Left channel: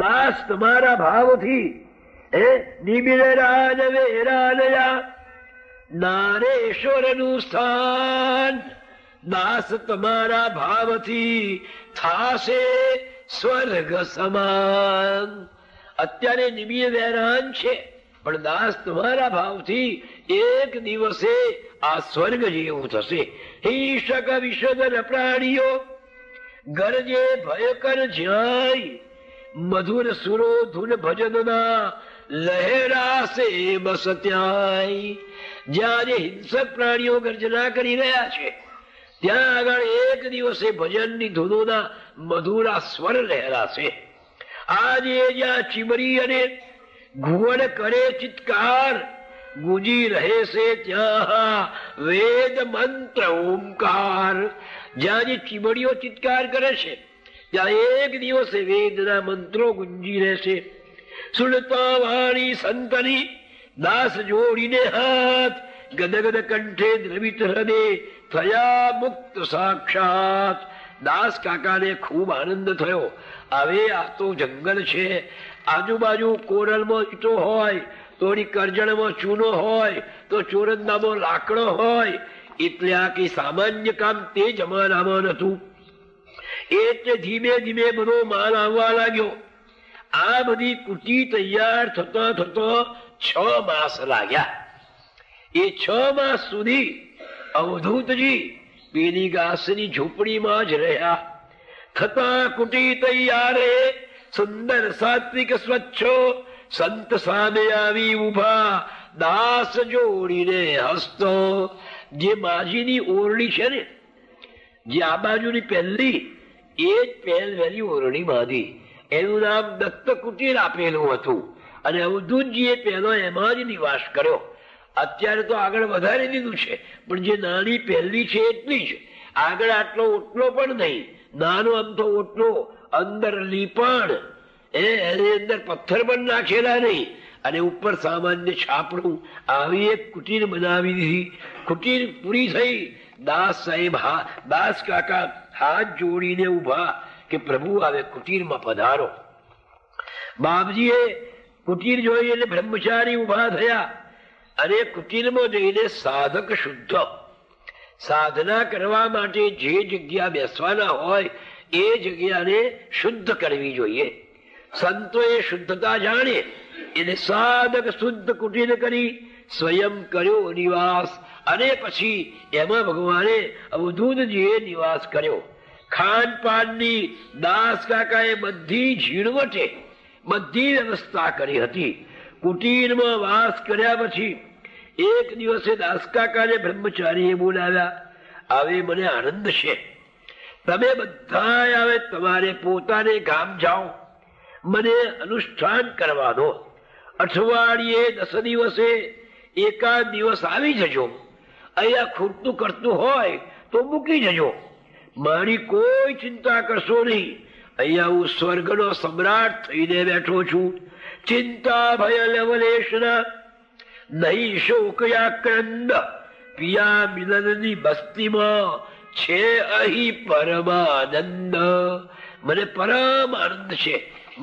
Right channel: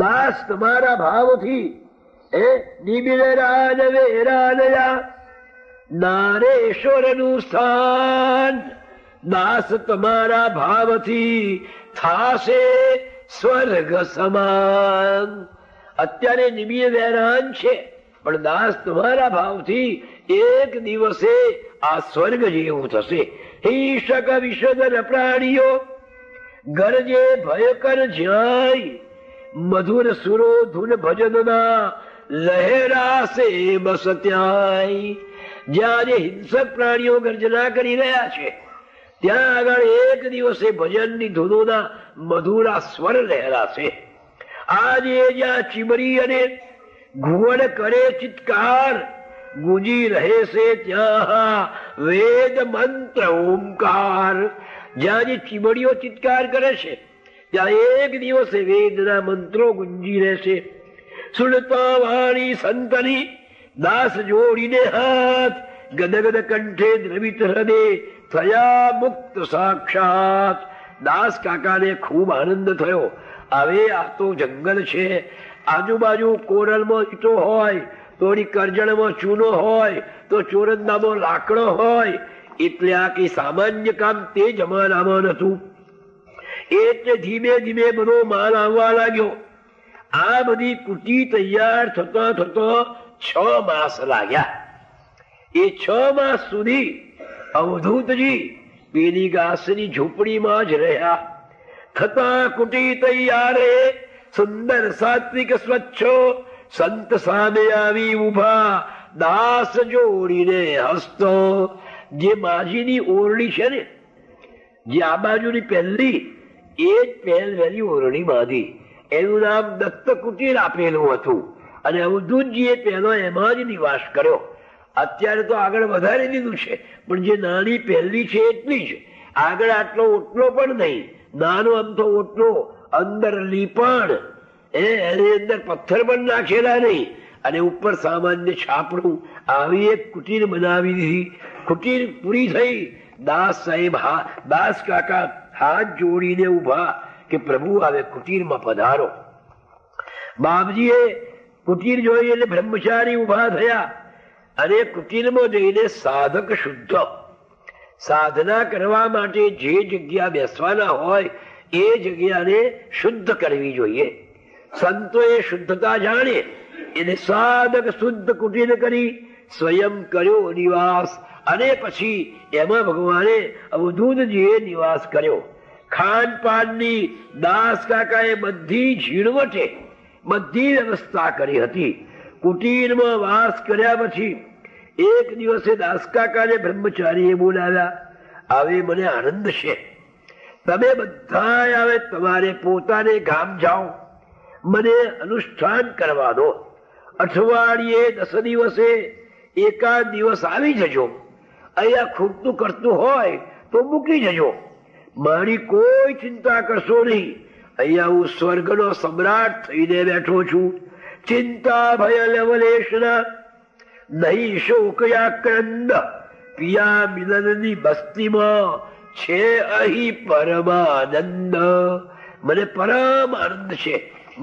દાસ તમારા ભાવથી નિબિડ રાજ વેરાલયા નારેશ્વરનું સ્થાન, દાસ તમારા ભાવથી થાશે સ્વર્ગ સમાન. અત્યારે નિબિડ વેરાન છે, પણ દાસ તમારા ભાવથી એક દિવસે આ સ્વર્ગ જેવું થશે. હિંસક વિષદર પ્રાણીઓ ગરજે ભયકર જાય, મધુર સુરો ધૂન ભજનના લહેરાશે બસ ત્યાંય. જ્યાં જે હિંસક પ્રાણીઓ ગર્જના કરી રહ્યા છે ત્યાં આગળ એક દિવસે ભજનની ધૂનોના મધુરા સ્વર લહેરાશે. આજે જ્યાં ચીમરી અને ઘુવડ કરે ચિત્કાર, ગુંજી રહેશે ત્યાં વેદ મંત્ર ઓમકાર. જ્યાં જે ચીમડીઓ ચિત્કાર કરે છે ત્યાં એક દિવસે વેદના મંત્રો ગુંજી રહેશે. સુણતા વાણી સંતની દાસ જોડીને હાથ, ગદગદ કંઠે દ્રવિત હૃદય થયા મુક્ત સાક્ષાત. દાસ કાકાને ખૂબ આનંદ થયો. હવે આ તો જંગલ છે, આજુબાજુ કોરલમાં ઈંટો હોય, થોડી કરજણમાં ચૂનો હોય, તો ચોરંદામાં લાકડો હોય, એટલે આ કઈ સામાન્ય કામ તે જમાનામાં નતું. એટલે ધીમે ધીમે બધો માલ આવવા લાગ્યો. આ બધી કુટી તૈયાર થતા થતા 6 માસ લાગ્યા. એ 6 માસ સુધી અવધૂતજી પેલી ઘાસની ઝૂંપડીમાં જ રહ્યા. થતા કુટી તૈયારે સુંદર સાત્વિક સ્વચ્છો સંત સામે આવી ઉભા, દાસ જોડીને હસતો. જે માજીની ઓરડી છે ને, જે આ બાજુની પહેલી, એ જ પહેલવેલી ઓરડી બાંધી. એનું નામ દત્ત કુટીર આપેલું હતું અને અવધૂતજીએ પહેલો એમાં જ નિવાસ કર્યો. અત્યારે તો આગળ વધારી દીધું છે, પણ જે નાની પહેલી છે એટલી જ. આગળ આટલો ઓટલો પણ નહીં, નાનો અમથો ઓટલો, અંદર લીપણ, એની અંદર પથ્થર પણ નાખેલા નહીં, અને ઉપર સામાન્ય છાપડું. આવી એક કુટીર બનાવી દીધી. કુટીર પૂરી થઈ. દાસ સાહેબ દાસ કાકા હાથ જોડીને ઉભા કે પ્રભુ આવે કુટીરમાં પધારો. બાપજીએ કુટીર જોઈ એટલે બ્રહ્મચારી ઉભા થયા અને કુટીરમાં જઈને સાધક શુદ્ધ સાધના કરવા માટે જે જગ્યા બેસવાના હોય એ જગ્યાને શુદ્ધ કરવી જોઈએ. સંતોએ શુદ્ધતા જાણે એટલે સાધક શુદ્ધ કુટીર કરી સ્વયં કર્યો નિવાસ. અને પછી એમાં ભગવાને અવધૂતજીએ નિવાસ કર્યો. ખાનપાનની દાસ કાકાએ બધી ઝીણવટે બધી વ્યવસ્થા કરી હતી. કુટીરમાં વાસ કર્યા પછી એક દિવસે દાસ કાકાને બ્રહ્મચારીએ બોલાવ્યા. આવી મને આનંદ છે, તમે બધા આવે તમારે પોતાને ગામ જાઓ, મને અનુષ્ઠાન કરવાનો. અઠવાડિયે 10 દિવસે એકાદ દિવસ આવી જજો. અહીંયા ખૂટતું કરતું હોય તો મૂકી જજો. મારી કોઈ ચિંતા કરશો નહીં. અહીંયા હું સ્વર્ગનો સમ્રાટ થઈને બેઠો છું. ચિંતા ભય લવલેશના નહીં શોકયાક્રંદ. પિયા મિલનની બસ્તીમાં છે અહીં પરમાનંદ. મને પરમ આનંદ છે,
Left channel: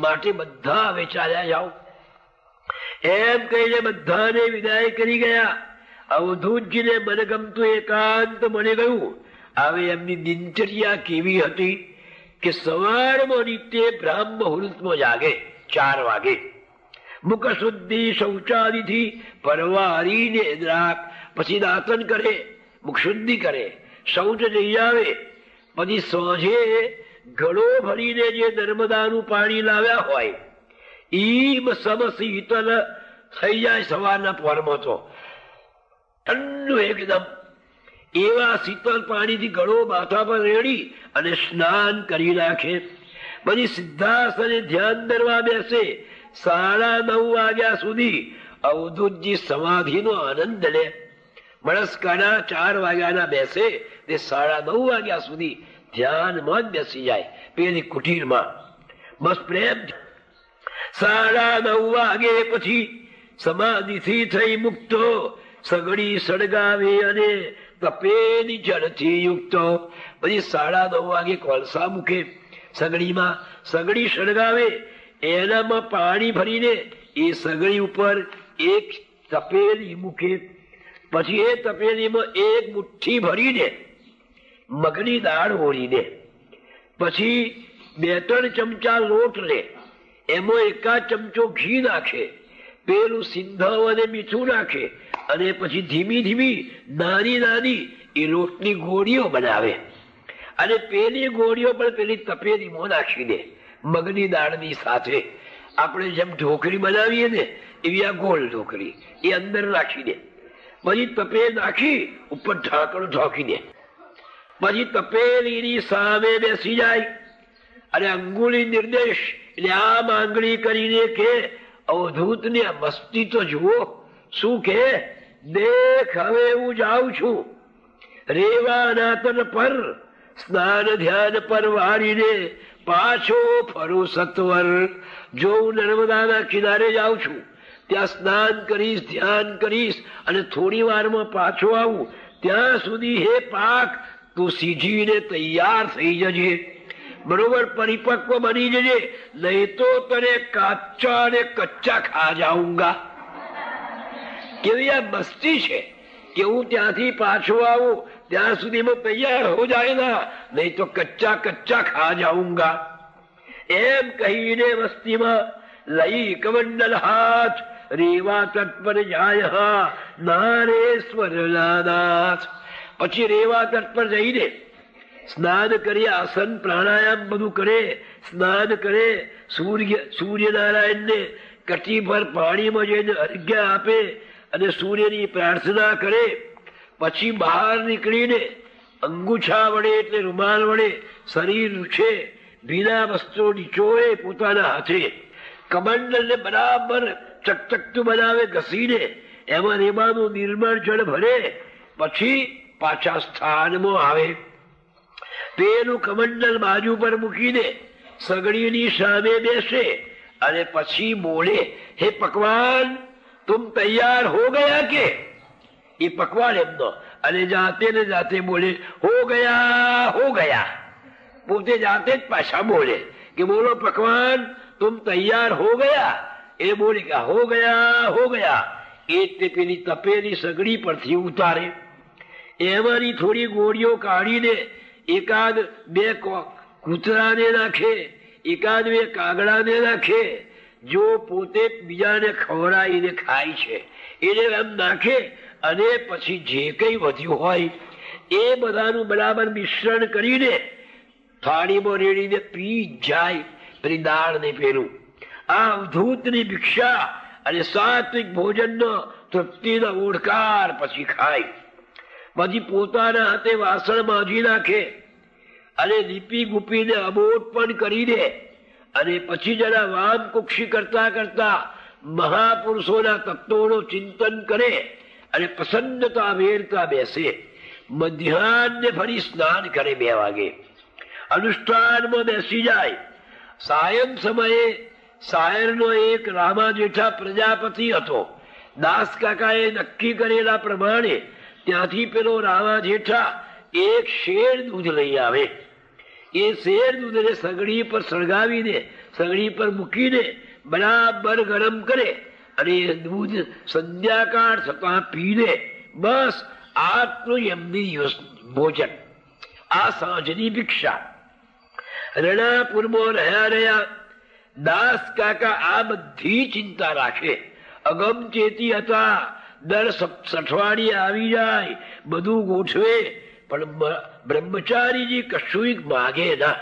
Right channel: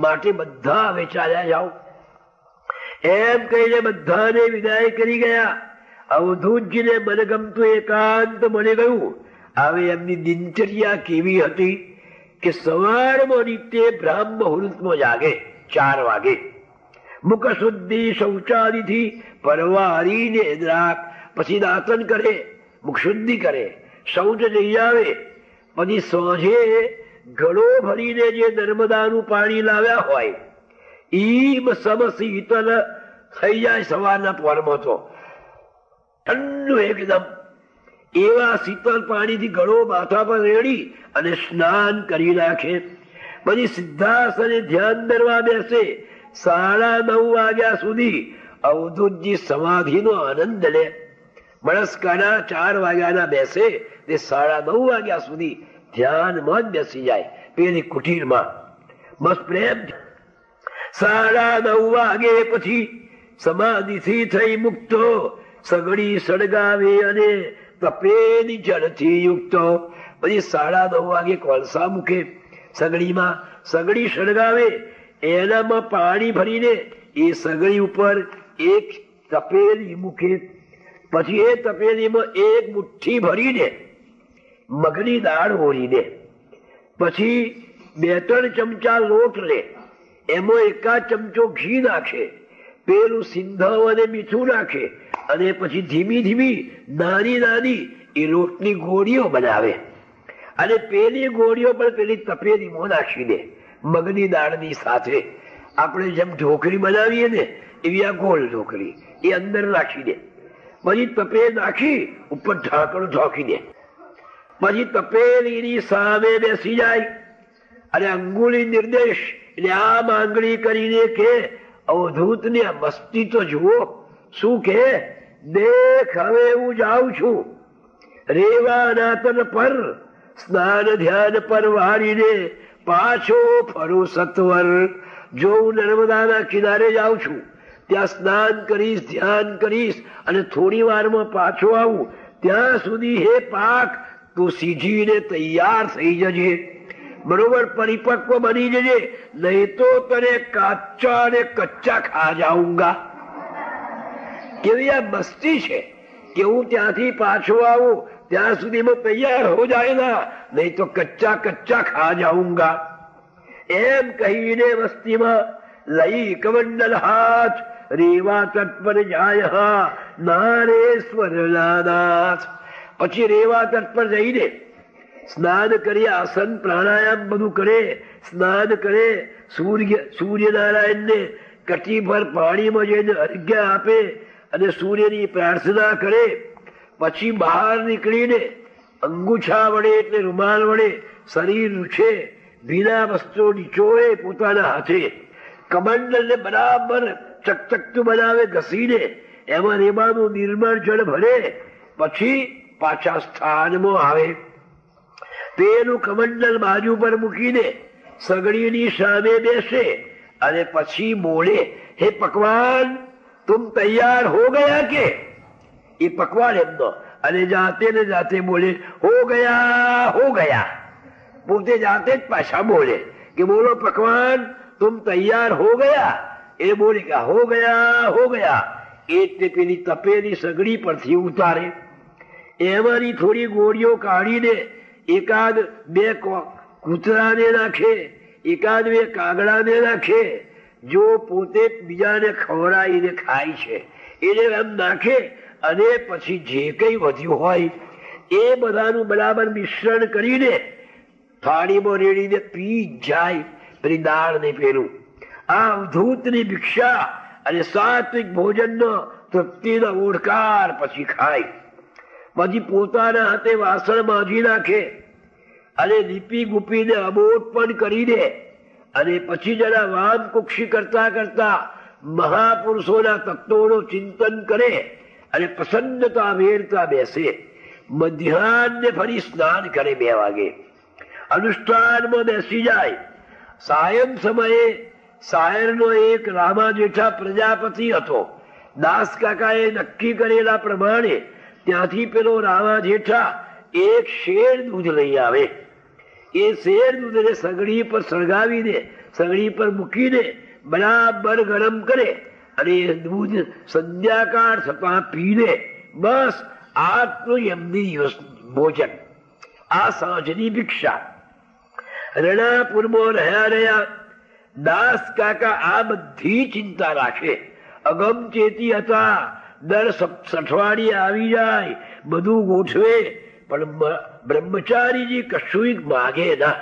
માટે બધા હવે ચાલ્યા જાઓ. એમ કહીને બધાને વિદાય કરી ગયા. અવધૂતજીને મને ગમતું એકાંત મળી ગયું. હવે એમની દિનચર્યા કેવી હતી કે સવારમાં નિત્ય બ્રાહ્મ મુહૂર્તમાં જાગે 4 વાગે. મુખ શુદ્ધિ શૌચાદિથી પરવારીને દ્રાક, પછી દાંતન કરે, મુખ શુદ્ધિ કરે, શૌચ જઈ આવે. પછી સાંજે ઘડો ભરીને જે નર્મદાનું પાણી લાવ્યા હોય ઈમ સમ શીતલ થઈ જાય. સવારના પોરમાં તો ઠંડુ એકદમ એવા શીતળ પાણીથી ઘડો માથા પર રેડી અને સ્નાન કરી નાખે. પછી સિદ્ધાસને ધ્યાન ધરવા બેસે. 9:30 વાગ્યા સુધી અવધૂતજી સમાધિનો આનંદ લે. મણસ્કાના 4 વાગ્યાના બેસે તે 9:30 વાગ્યા સુધી ધ્યાનમાં જ બેસી જાય પેલી કુટીરમાં. બસ પ્રેમ. 9:30 વાગે પછી સમાધિથી થઈ મુક્તો સગડી સળગાવે અને તપેલી જળથી યુક્ત. પછી 9:30 વાગે કોલસા મૂકે સગડીમાં. સગડી સળગાવે એનામાં પાણી ભરીને એ સગડી ઉપર એક તપેલી મૂકે, પછી એ તપેલીમાં એક મુઠ્ઠી ભરીને મગની દાળ ઓળીને, પછી 2-3 ચમચા લોટ લે, એમાં 1 ચમચો ઘી નાખે, પેલું સિંધાવ અને મીઠું નાખે, અને પછી ધીમી ધીમી નાની નાની એ લોટની ગોળીઓ બનાવે, અને પેલી ગોળીઓ પણ પેલી તપેલીમાં નાખી દે મગની દાળની સાથે. આપણે જેમ ઢોકળી બનાવીએ ને એવી આ ગોળ ઢોકળી એ અંદર રાખી દે, પછી તપેલ નાખી ઉપર ઢાંકણ ઢોકી દે, પછી તપેલીની સામે બેસી જાય અને અંગુલી નિર્દેશ એટલે આમ આંગળી કરીને કે અવધૂતની આ મસ્તી તો જુઓ. શું કે, દેખ હવે હું જાઉં છું રેવા નાતન પર, સ્નાન ધ્યાન પર વારીને પાછો ફરું સત્વર. જો હું નર્મદાના કિનારે જાઉં છું, ત્યાં સ્નાન કરીશ, ધ્યાન કરીશ, અને થોડી વારમાં પાછો આવું, ત્યાં સુધી હે પાક તું સીધીને તૈયાર થઈ જજે, બરોબર પરિપક્વ બની જજે, નહીં તો તને કાચા અને કચ્ચા ખા જાઉંગા. એવી આ મસ્તી છે કે હું ત્યાંથી પાછો આવું ત્યાં સુધીમાં તૈયાર હો જાયગા, નહીં તો કચ્ચા કચ્ચા ખા જાઉંગા. એમ કહીને મસ્તીમાં લઈ કમંડલ હાથ રેવા તટ પર જાય નારેશ્વર નાથ. પછી રેવા તટ પર જઈને સ્નાન કરી, આસન પ્રાણાયામ બધું કરે, સ્નાન કરે, સૂર્યનારાયણને કટીભર પાણીમાં જઈને અર્ઘ્ય આપે અને સૂર્યની પ્રાર્થના કરે. પછી બહાર નીકળીને અંગૂછા વડે એટલે રૂમાલ વડે શરીર લૂછે, ભીના વસ્ત્રો નીચોએ પોતાના હાથે, કમંડલને બરાબર ચકચકતું બનાવે ઘસીને, એમાં રેવાનું નિર્મળ જળ ભરે, પછી પાછા સ્થાનમાં આવે. પેલું કમંડલ બાજુ પર મૂકીને સગડીની સામે બેસે અને પછી બોલે, હે પકવાન તુમ તૈયાર હો ગયા કે? એ પકવાન એમનો, અને જાતે ને જાતે બોલે હો ગયા. પોતે જાતે જ પાછા બોલે કે બોલો પકવાન તુમ તૈયાર હો ગયા. એ બોલે કે હો ગયા. એટલે પેલી તપેલી સગડી પરથી ઉતારે, એમાંની થોડી ગોળીઓ કાઢીને 1-2 કૂતરાને નાખે, 1-2 કાગડાને નાખે. જો પોતે બીજાને ખવડાવીને ખાય છે એટલે એમ નાખે, અને પછી જે કંઈ વધ્યું હોય એ બધાનું બરાબર મિશ્રણ કરીને થાળીમાં રેડીને પી જાય પેલી દાળ ને પેલું. આ અવધૂતની ભિક્ષા અને સાત્વિક ભોજનનો તૃપ્તિનો ઓળકાર પછી ખાય. પછી પોતાના હાથે વાસણ માંજી નાખે અને લીપી ગુપીને અબોટ પણ કરી દે, અને પછી જરા વામ કુક્ષી કરતા કરતા મહાપુરુષોના તત્વોનું ચિંતન કરે અને પ્રસન્નતા વેરતા બેસે. મધ્યાહને ફરી સ્નાન કરે 2 વાગે, અનુષ્ઠાનમાં બેસી જાય. સાયં સમયે સાયરનો એક રામા જેઠા પ્રજાપતિ હતો. દાસ કાકાએ નક્કી કરેલા પ્રમાણે ત્યાંથી પેલો રામા જેઠા 1 શેર દૂધ લઈ આવે. એ શેર દૂધને સગડી પર સળગાવીને સગડી પર મૂકીને બરાબર ગરમ કરે, અને દૂધ સંધ્યાકાળ થતા પીને. બસ આટલું એમની ભોજન, આ સાંજની ભિક્ષા. રણાપુરમાં રહ્યા દાસ કાકા આ બધી ચિંતા રાખે. અગમચેતી હતા, દર અઠવાડિયે આવી જાય, બધું ગોઠવે, પણ બ્રહ્મચારીજી કશું માગે ના.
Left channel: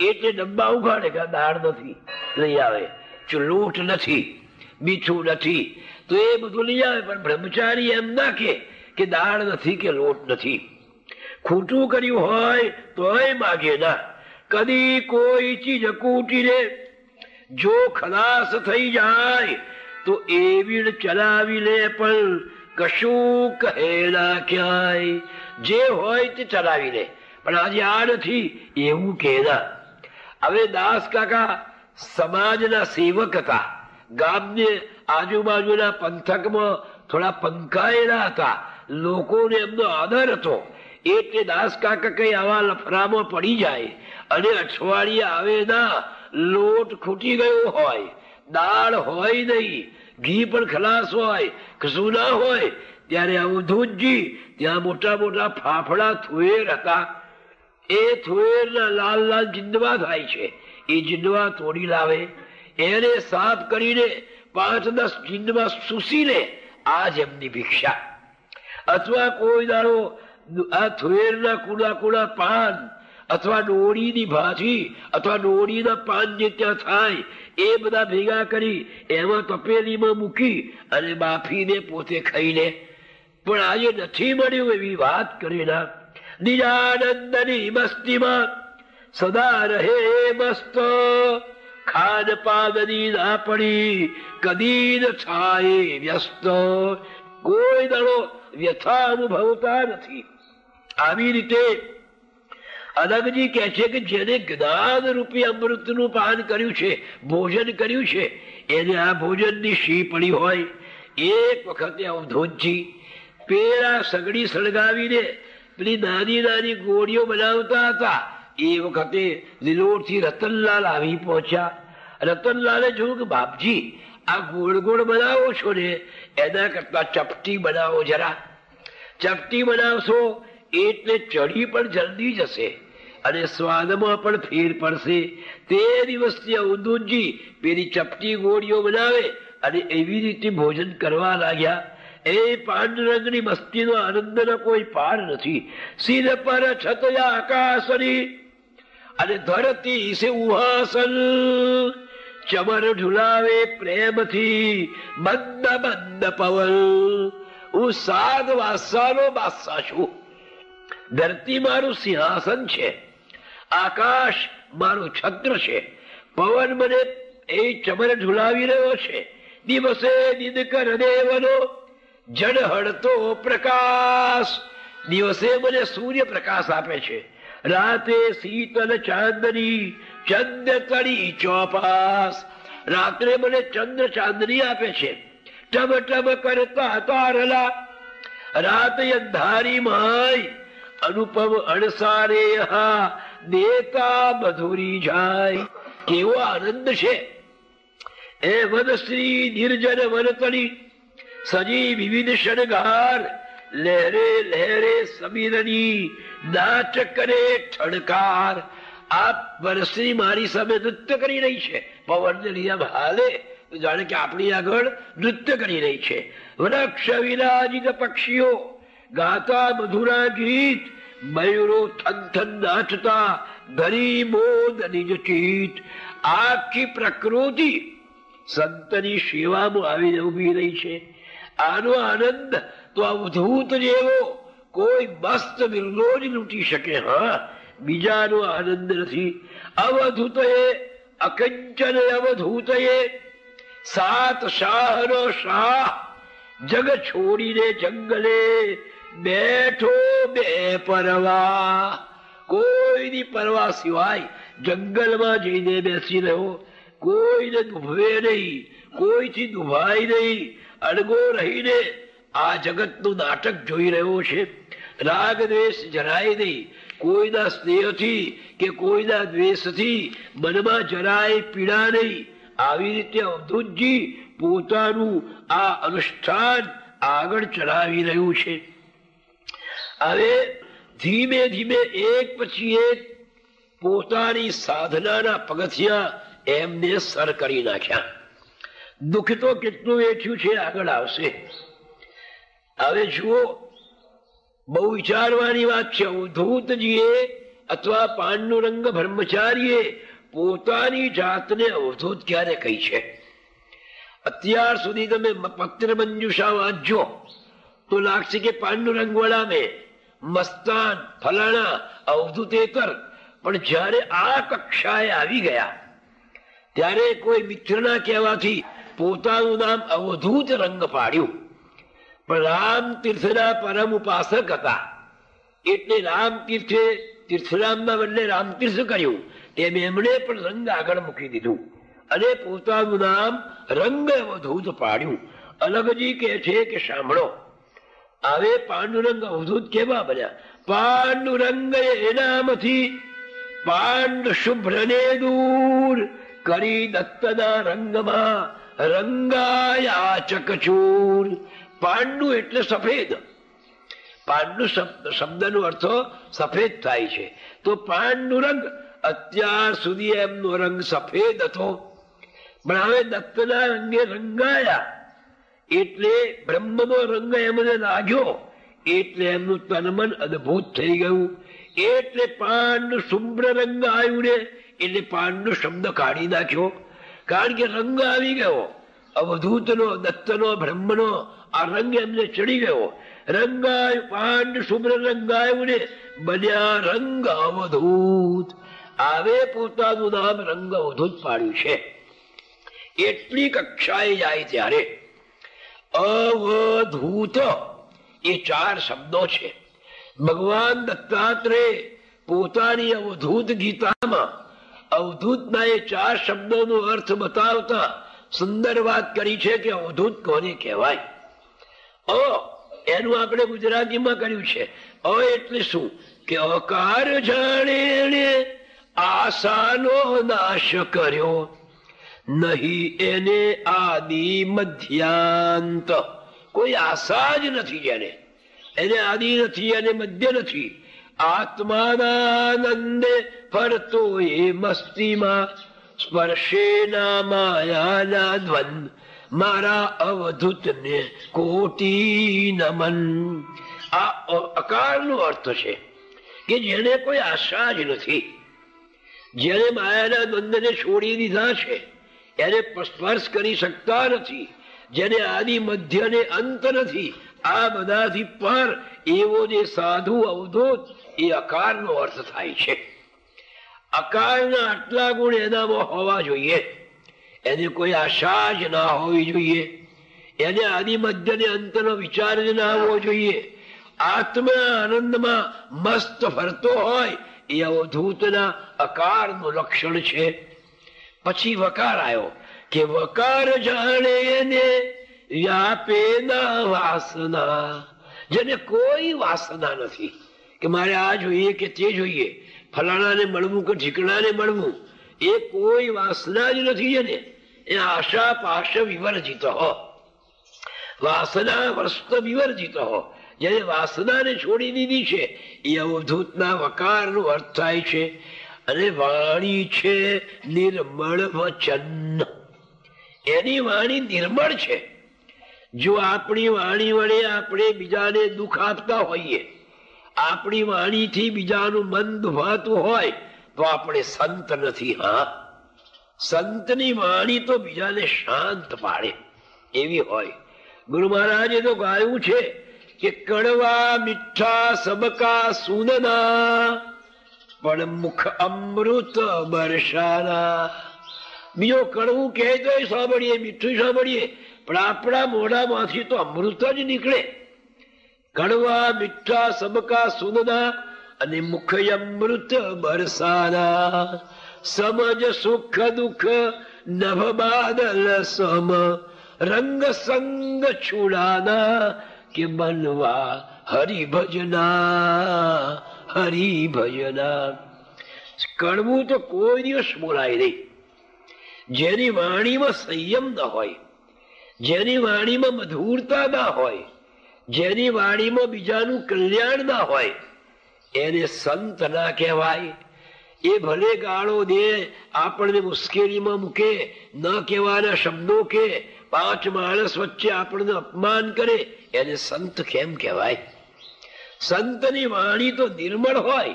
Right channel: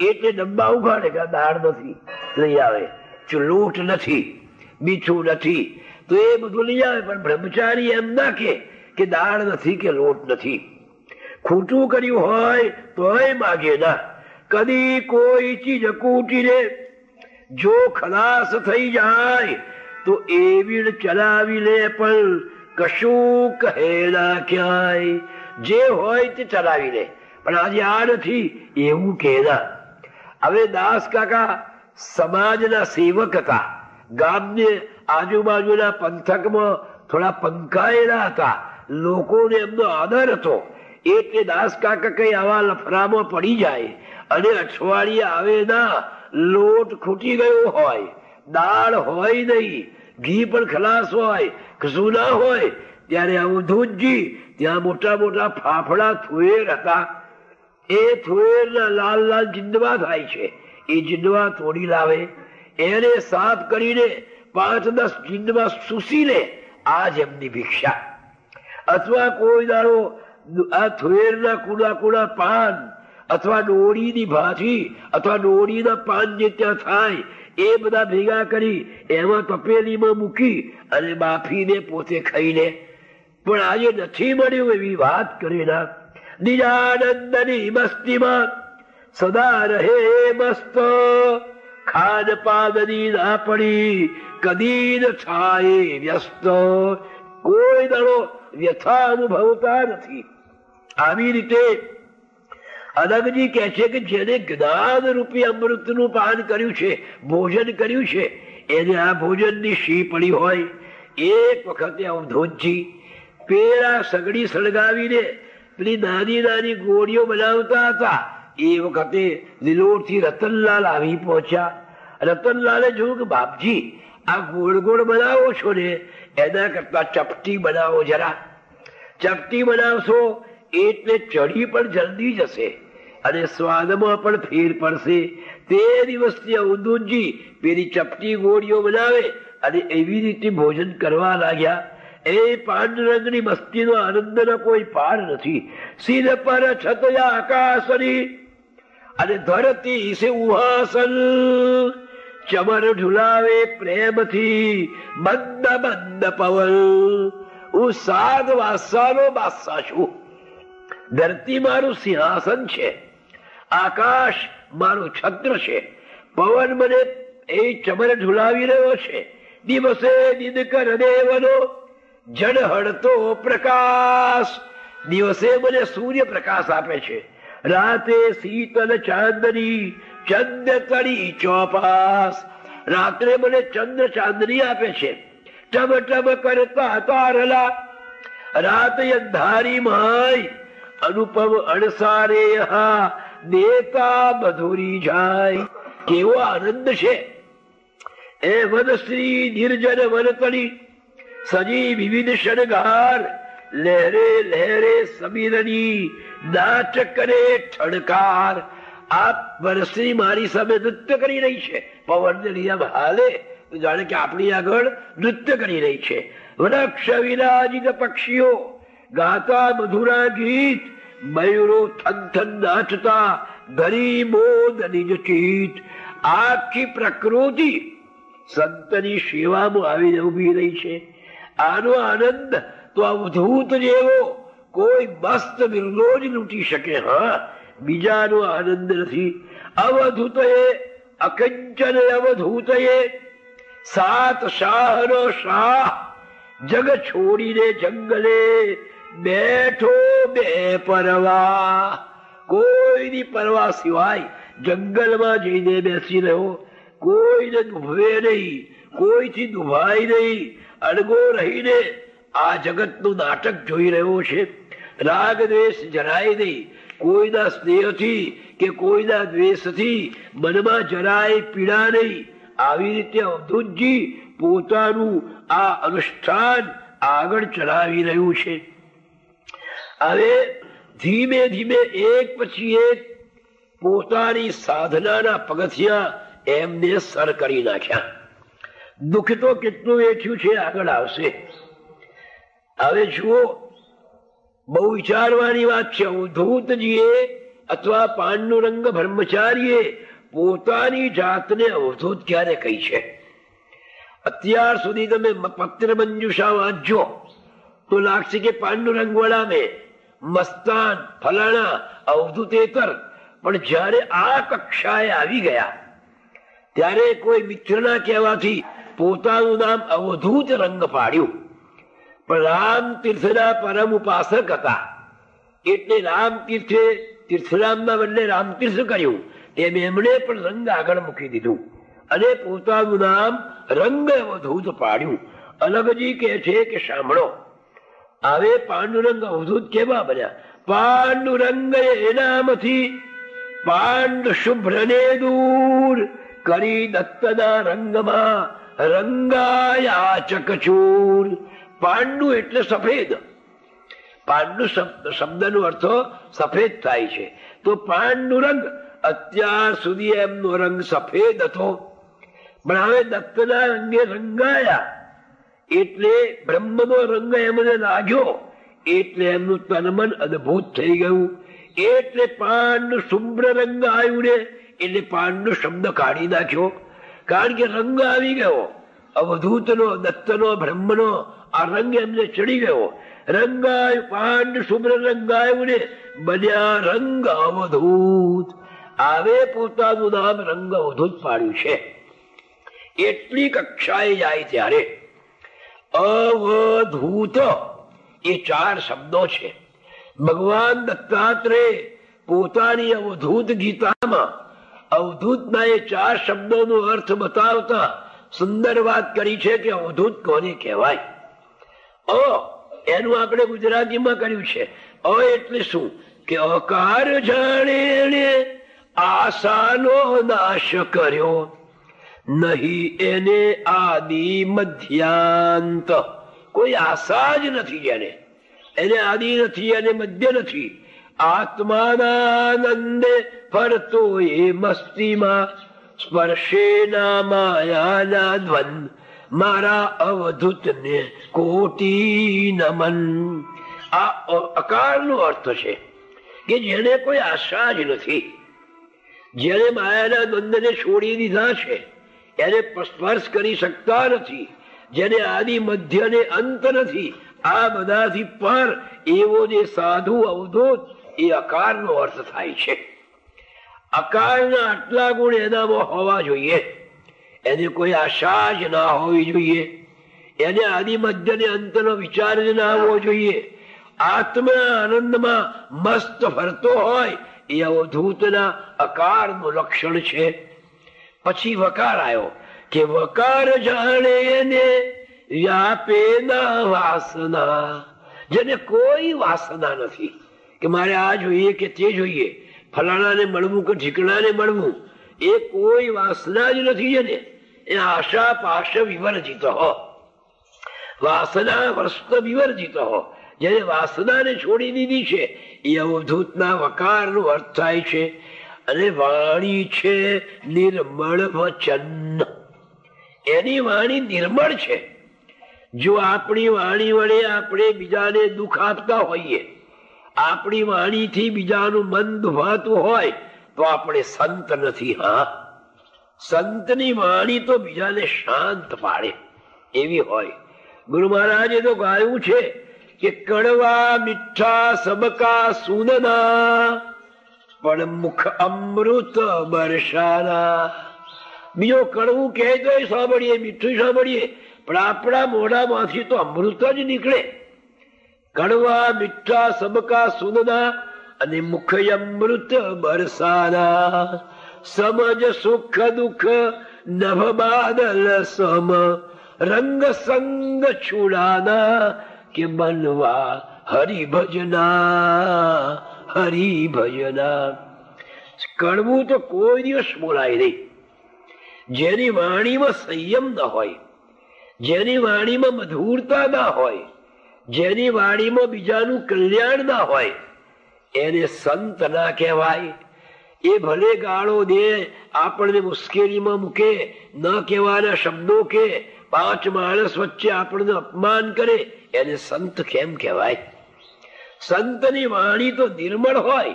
એટલે ડબ્બા ઉઘાડે કે દાળ નથી લઈ આવે, લોટ નથી, મીઠું નથી, તો એ બધું લઈ આવે. પણ બ્રહ્મચારી એમ ના કે દાળ નથી કે લોટ નથી. ખોટું કર્યું હોય તોય માગે ના. કદી કોઈ ચીજ કૂટીને જો ખલાસ થઈ જાય તો એવી ચલાવી લે, પણ કશું કહે ના ક્યાંય. જે હોય તે ચલાવી લે, પણ આજે આ નથી એવું કહેલા. હવે દાસ કાકા સમાજના સેવક હતા, ગામની આજુબાજુના પંથકમાં થોડા પંકાયેલા હતા, લોકોને એમનો આદર હતો. એટલે દાસ કાકા કઈ આવા લફરામાં પડી જાય અને અઠવાડિયે આવે ના લોટ ખૂટી ગયો હોય, દાળ હોય નહીં, ઘી પણ ખલાસ હોય, કશું ના હોય, ત્યારે અવધૂતજી ત્યાં મોટા મોટા ફાફડા થુએર હતા. એ થુએરના લાલ લાલ જીંડવા થાય છે. એ જીંડવા તોડી લાવે, એને સાફ કરીને 5-10 જીંડવા સૂસીને આ જ એમની ભિક્ષા. અથવા કોઈ દાડો આ થુએરના કુડા કુડા પાન અથવા ડોડીની ભાજી અથવા ડોડીના પાન જે ત્યાં થાય એ બધા ભેગા કરી એમાં તપેલીમાં મૂકી અને બાફીને પોતે ખાઈને. પણ આજે નથી મળ્યું એવી વાત કરીને નિજાનંદની મસ્તીમાં સદા રહે મસ્ત, ખાન પાનની ના પડી કદી ન થાય વ્યસ્ત. કોઈ દળો વ્યથા અનુભવતા નથી. આવી રીતે અનંતજી કહે છે કે જેને જ્ઞાન રૂપી અમૃતનું પાન કર્યું છે, ભોજન કર્યું છે, એને આ ભોજનની શી પડી હોય. એક વખતે અવધૂતજી પેલા સગડી સળગાવીને પેલી નાની નાની ગોળીઓ બનાવતા હતા. એ વખતે લીલોડથી રતનલાલ આવી પહોંચ્યા. રતનલાલે જોયું કે બાપજી આ ગોળ ગોળ બનાવો છો ને, એના કરતા ચપટી બનાવો જરા. ચપટી બનાવશો એટલે ચડી પણ જલ્દી જશે અને સ્વાદમાં પણ ફેર પડશે. તે દિવસથી અવધૂતજી પેલી ચપટી ગોળીઓ બનાવે અને એવી રીતે ભોજન કરવા લાગ્યા. એ પાંડુરંગની મસ્તીનો આનંદનો કોઈ પાર નથી. સિર પર છતયા આકાશની અને ધરતી સે ઉહાસન, ચમર ઝુલાવે પ્રેમથી મંદ મંદ પવન. હું સાત વાસાનો બાદશાહ છું. ધરતી મારું સિંહાસન છે, આકાશ મારું છત્ર છે, પવન મને એ ચમર ઝુલાવી રહ્યો છે. દિવસે દિનકર દેવનો જન હળતો પ્રકાશ. દિવસે મને સૂર્ય પ્રકાશ આપે છે, રાતે શીતલ ચાંદની ચંદ્ર તળી ચોપાસ. રાત્રે મને ચંદ્ર ચાંદની આપે છે, ટબ ટબ કરતા તારલા. રાત અંધારી માય અનુપમ અણસારે દેતા મધુરી જાય. કેવો આનંદ છે. એ વનશ્રી નિર્જન વનતળી સજી વિવિધ શણગાર. લહેરે લહેરે સમીરણી નાચ કરે ઠણકાર. આ વનશ્રી મારી સામે નૃત્ય કરી રહી છે. પવનને લીધે હાલે જાણે કે આપણી આગળ નૃત્ય કરી રહી છે. વૃક્ષ વિરાજિત પક્ષીઓ ગાતા મધુરા ગીત, મયુરો થન થન નાચતા ધરી મોદ નિજ ચીત. આખી પ્રકૃતિ સંતની સેવામાં આવીને ઉભી રહી છે. આનો આનંદ તો અવધૂત જેવો કોઈ મસ્ત બિરલો જ લૂંટી શકે. હા, બીજાનો આનંદ નથી. અવધૂતએ અકંચન અવધૂતએ સાત શાહનો શાહ. જગ છોડીને જંગલે બેઠો બે પરવા. કોઈની પરવા સિવાય જંગલમાં જઈને બેસી રહ્યો. કોઈને દુભવે નહીં, કોઈથી દુભાય નહીં, અડગો રહીને આ જગતનું નાટક જોઈ રહ્યો છે. રાગ દ્વેષ જરાય નહીં. કોઈના સ્નેહથી કે કોઈના દ્વેષથી મનમાં જરાય પીડા નહીં. આવી રીતે અવધૂતજી પોતાનું આ અનુષ્ઠાન આગળ ચલાવી રહ્યું છે. હવે ધીમે ધીમે એક પછી એક પોતાની સાધનાના પગથિયા એમને સર કરી નાખ્યા. દુઃખ તો કેટલું વેઠ્યું છે આગળ આવશે. હવે જુઓ, બહુ વિચારવાની વાત છે. અવધૂતજીએ અથવા પાંડુરંગ બ્રહ્મચારીએ પોતાની જાતને અવધૂત ક્યારે કહી છે? અત્યાર સુધી તમે પત્ર મંજુષા વાંચજો તો લાગશે કે પાંડુરંગ વડાને મસ્તાન ફલાણા અવધૂતેતર. પણ જયારે આ કક્ષાએ આવી ગયા ત્યારે કોઈ મિત્રના કહેવાથી પોતાનું નામ અવધૂત રંગ પાડ્યું. પણ રામતીર્થના પરમ ઉપાસક હતા એટલે રામતીર્થે તીર્થરામના બદલે રામતીર્થ કર્યું. એમણે પણ રંગ આગળ મૂકી દીધું અને પોતાનું નામ રંગ અવધૂત પાડ્યું. અલગજી કહે છે કે સાંભળો, હવે પાંડુરંગ અવધૂત કેવા બન્યા? પાંડુરંગ એ નામથી પાંડ શુભ્રને દૂર કરી દત્તના રંગમાં રંગાયાચક ચૂર. પાંડુ એટલે સફેદ. પાંડુ શબ્દનો અર્થ સફેદ થાય છે. તો પાંડુ રંગ, અત્યાર સુધી એમનો રંગ સફેદ હતો, પણ હવે દત્તના રંગે રંગાયા એટલે બ્રહ્મનો રંગ એમને લાગ્યો એટલે એમનું તનમન અદભુત થઈ ગયું. એટલે પાંડુ શુભ્ર રંગ આવ્યું ને એટલે પાંડુ શબ્દ કાઢી નાખ્યો. કારણ કે રંગ આવી ગયો અવધૂતનો, દત્તનો, બ્રહ્મનો આ રંગ એમને ચડી ગયો. રંગાય પાંડ શુભ્ર રંગાયું ને બન્યા રંગ અવધૂત. આવે પોતાનું નામ રંગ અવધૂત પાડ્યું છે. એટલી કક્ષાએ જાય ત્યારે અવધૂત એ 4 શબ્દો છે. ભગવાન દત્તાત્રેય પોતાની અવધૂત ગીતામાં અવધૂતના એ 4 શબ્દોનો અર્થ બતાવતા સુંદર વાત કરી છે કે અવધૂત કોને કહેવાય. એનું આપણે ગુજરાતીમાં કર્યું છે. એટલે શું કે અકાર જાણે આશાનો નાશ કર્યો, નહીં એને આદિ મધ્યાંત. કોઈ આશા જ નથી જેને, એને આદિ નથી, એને મધ્ય નથી. આત્માનંદે ફરતો એ મસ્તીમાં સ્પર્શેના માયાના દ્વંદ મારા અવધૂતને કોટી નમન. આ અકારનો અર્થ છે કે જેને કોઈ આશા જ નથી, જેને માયાના દ્વંદને છોડી દીધા છે, એને સ્પર્શ કરી શકતા નથી, જેને આદિ મધ્ય ને અંત નથી, આ બધાથી પર એવો જે સાધુ અવધૂત એ અકારનો અર્થ થાય છે. અકારના આટલા ગુણ એનામાં હોવા જોઈએ. એની કોઈ આશા જ ના હોવી જોઈએ, એને આદિ મધ્ય ને અંતનો વિચાર જ ના આવવો જોઈએ. આત્મા આનંદમાં મસ્ત ફરતો હોય એ અવધૂતના અકારનું લક્ષણ છે. પછી વકાર આવ્યો કે વકાર જાણે એને વ્યાપે ના વાસના. જેને કોઈ વાસના નથી કે મારે આ જોઈએ કે તે જોઈએ, ફલાણાને મળવું કે ઠીકણાને મળવું, એ કોઈ વાસના જ નથી. જેને એ આશા પાશ વિવર્જિત હો, વાસના વસ્ત વિવર્જિત હો, જેને વાસનાને છોડી દીધી છે એ અવધૂતના વકારનો અર્થ થાય છે. અને વાણી છે નિર્મળ વચન. એની વાણી નિર્મળ છે. જો આપણી વાણી વડે આપણે બીજાને દુઃખ આપતા હોઈએ, આપણી વાણીથી બીજાનું મન દુભાતું હોય તો આપણે સંત નથી. હા, સંતની વાણી તો બીજાને શાંત પાડે એવી હોય. ગુરુ મહારાજે તો ગાયું છે કે કડવા મીઠા સબકા સુનના પણ મુખ અમૃત બરસાના. બીજો કડવું કહે તો સાંભળીએ, મીઠું સાંભળીએ, પણ આપણા મોઢામાંથી તો અમૃત જ નીકળે. કડવા મીઠા સબકા સુનના અને મુખ અમૃત બરસાના. સમજ સુખ દુઃખ નભ બાદલ સમ રંગ સંગ છુડાના કે બનવા હરિભજના હરિભજના. કડવું તો કોઈ દિવસ બોલાય નહીં. જેની વાણીમાં સંયમ ન હોય, જેની વાણીમાં મધુરતા ના હોય, જેની વાણીમાં બીજાનું કલ્યાણ ના હોય, એને સંત ના કહેવાય. એ ભલે ગાળો દે, આપણને મુશ્કેલીમાં મૂકે, ન કહેવાના શબ્દો કે 5 માણસ વચ્ચે આપણને અપમાન કરે, એને સંત કેમ કહેવાય? સંતની વાણી તો નિર્મળ હોય.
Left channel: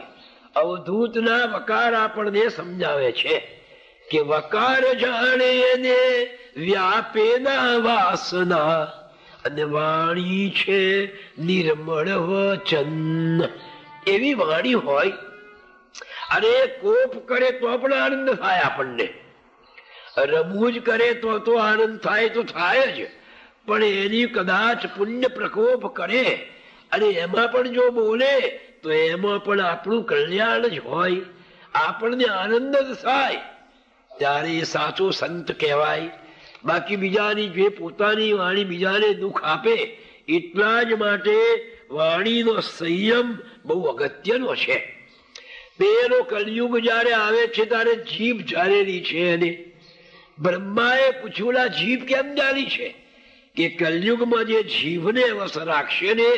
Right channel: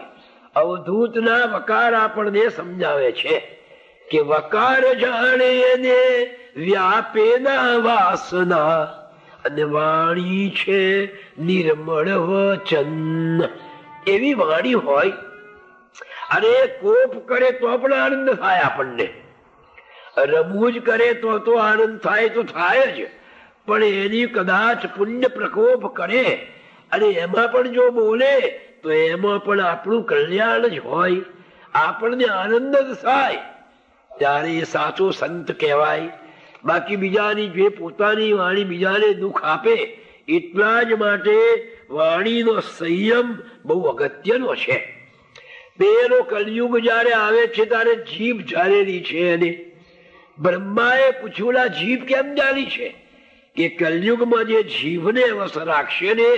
અવધૂતના વકાર આપણને સમજાવે છે કે વકાર જાણે એને વ્યાપે ના વાસના અને વાણી છે નિર્મળ વચન. એવી વાણી હોય અને કોપ કરે તો પણ આનંદ થાય આપણને, રમૂજ કરે તો આનંદ થાય તો થાય જ. પણ એની કદાચ પુણ્ય પ્રકોપ કરે અને એમાં પણ જો બોલે તો એમાં પણ આપણું કલ્યાણ જ હોય, આપણને આનંદ જ થાય, ત્યારે એ સાચો સંત કહેવાય. બાકી બીજાની જે પોતાની વાણી બીજાને દુઃખ આપે, એટલા જ માટે વાણીનો સંયમ બહુ અગત્યનો છે. પેલો કલયુગ જયારે આવે છે ત્યારે જીભ જાળેલી છે. અને બ્રહ્માએ પૂછ્યું જીભ કેમ જાળી છે? કે કલયુગમાં જે જીભને વશ રાખશે ને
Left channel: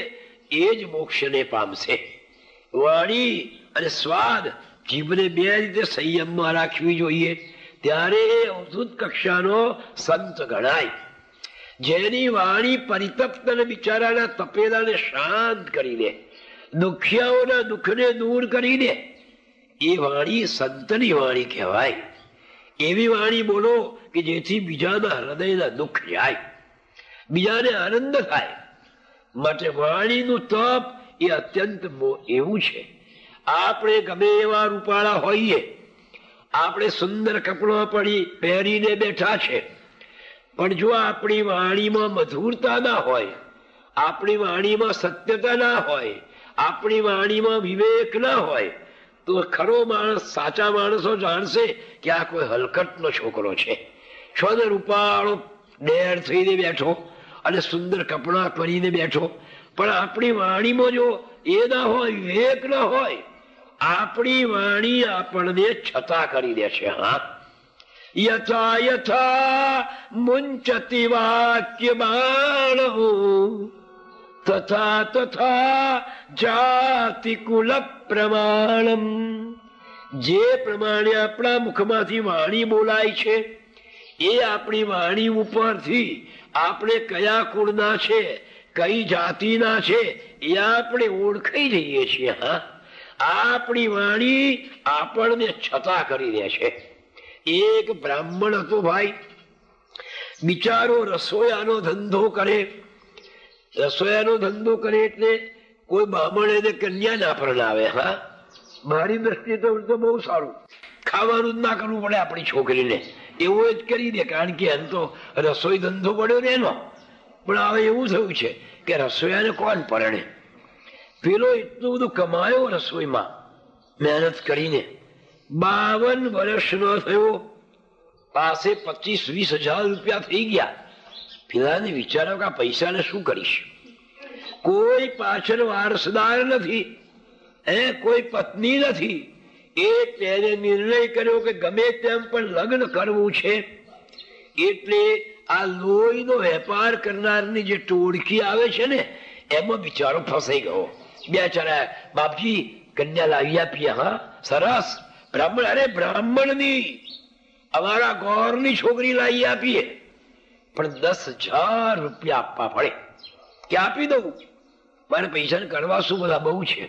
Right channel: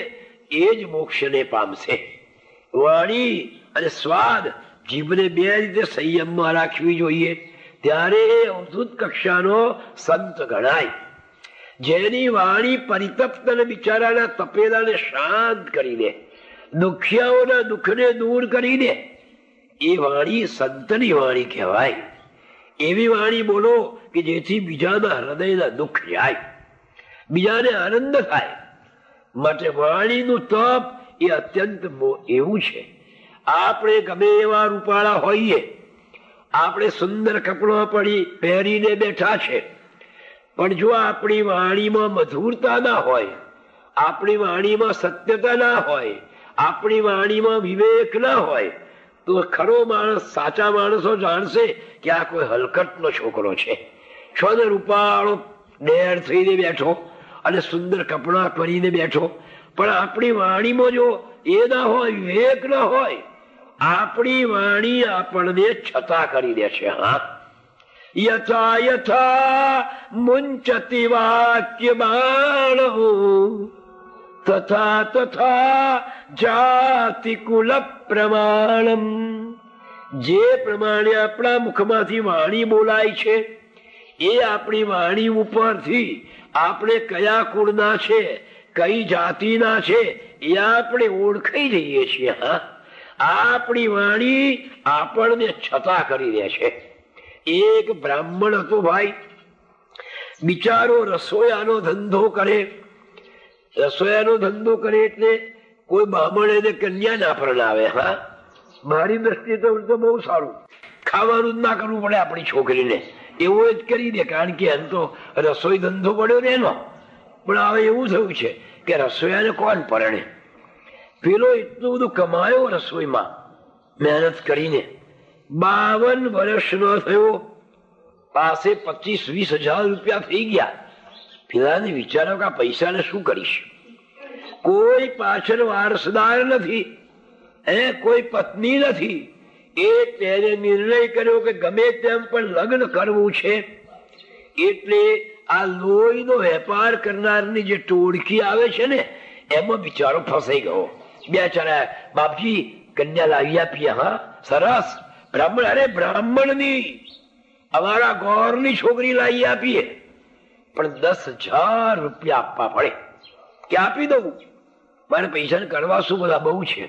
એ જ મોક્ષને પામશે. વાણી અને સ્વાદ જીભને બે રીતે સંયમમાં રાખવી જોઈએ, ત્યારે અવધૂત કક્ષાનો સંત ગણાય. જેની વાણી પરિતપ્ત બિચારાના તપેલાને શાંત કરીને, દુખિયાઓના દુઃખને દૂર કરીને, એ વાણી સંતની વાણી કહેવાય. એવી વાણી બોલો કે જેથી બીજાના હૃદયના દુઃખ જાય, બીજાને આનંદ થાય. માટે વાણીનું તપ એ અત્યંત એવું છે. આપણે ગમે એવા રૂપાળા હોઈએ, આપણે સુંદર કપડા પહેરીને બેઠા છે, પણ જો આપણી વાણીમાં મધુરતા ના હોય, આપણી વાણીમાં સત્યતા ના હોય, આપણી વાણીમાં વિવેક ના હોય, તો ખરો માણસ, સાચા માણસો જાણશે કે આ કોઈ હલકટનો છોકરો છે. છોને રૂપાળો ડેર થઈને બેઠો અને સુંદર કપડા પહેરીને બેઠો, પણ આપણી વાણીમાં જો એ ના હોય, વિવેક ના હોય, આપણી વાણી આપણને છતા કરી દે છે. હા, યથા યથા મુંચતિ વાક્ય બાણો તથા તથા જાતિ કુલ પ્રમાણમ. જે પ્રમાણે આપણા મુખમાંથી વાણી બોલાય છે, એ આપણી વાણી ઉપરથી આપણે કયા કુળના છે, કઈ જાતિના છે, એ આપણે ઓળખાઈ જઈએ છીએ. હા, આપણી વાણી આપણને છતા કરી દે છે. એક બ્રાહ્મણ હતો ભાઈ, બિચારો રસોયાનો ધંધો કરે. રસોયાનો ધંધો કરે એટલે કોઈ બ્રાહ્મણ એને કન્યા ના પરણાવે. હા, મારી દ્રષ્ટિએ તો બહુ સારું, ખાવાનું જ ના કરવું પડે આપણી છોકરીને, એવું જ કરી દે. કારણ કે એમ તો રસોઈ ધંધો પડ્યો ને એનો. પણ હવે એવું થયું છે કે રસોયાને કોણ પરણે? પેલો એટલું બધું કમાયો રસોઈમાં મહેનત કરીને, 52 વર્ષનો થયો, પાસે 25-20 હજાર રૂપિયા થઈ ગયા. પેલાને વિચારો કે આ પૈસાને શું કરીશ? કોઈ પાછળ વારસદાર નથી, કોઈ પત્ની નથી. એ તેને નિર્ણય કર્યો કે ગમે તેમ પણ લગ્ન કરવું છે. એટલે આ લોહીનો વેપાર કરનારની જે ટોળકી આવે છે ને, એમાં બિચારો ફસાઈ ગયો. બેચારા બાપજી કન્યા લાવી આપીએ. હા, સરસ. બ્રાહ્મણ, અરે બ્રાહ્મણની, અમારા ગોરની છોકરી લાવી આપીએ, પણ 10,000 રૂપિયા આપવા પડે. કે આપી દઉં, મારે પૈસા કરવા શું, બધા બહુ છે.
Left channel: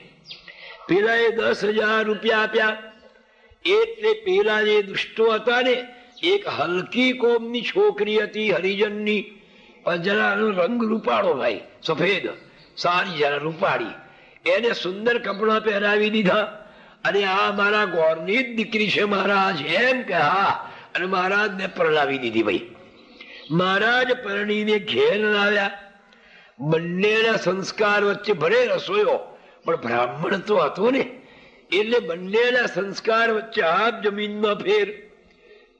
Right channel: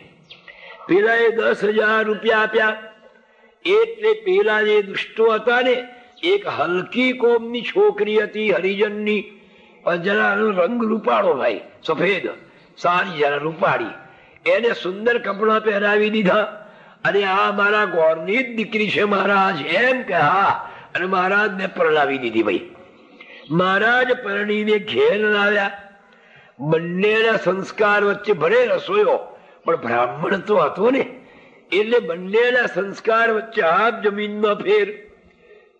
પેલા એ 10,000 રૂપિયા આપ્યા. એટલે પેલા જે દુષ્ટો હતા ને, એક હલકી કોમની છોકરી હતી, હરિજનની, જરાનો રંગ રૂપાળો ભાઈ, સફેદ, સારી જરા રૂપાળી, એને સુંદર કપડા પહેરાવી દીધા. અને આ મારા ગોરની જ દીકરી છે મહારાજ, એમ કે હા. અને મહારાજને પરણાવી દીધી. ભાઈ મહારાજ પરણીને ઘેર લાવ્યા. બંનેના સંસ્કાર વચ્ચે ભલે રસોયો, પણ બ્રાહ્મણ તો હતો ને, એટલે બંનેના સંસ્કાર વચ્ચે આપ જમીનનો ફેર.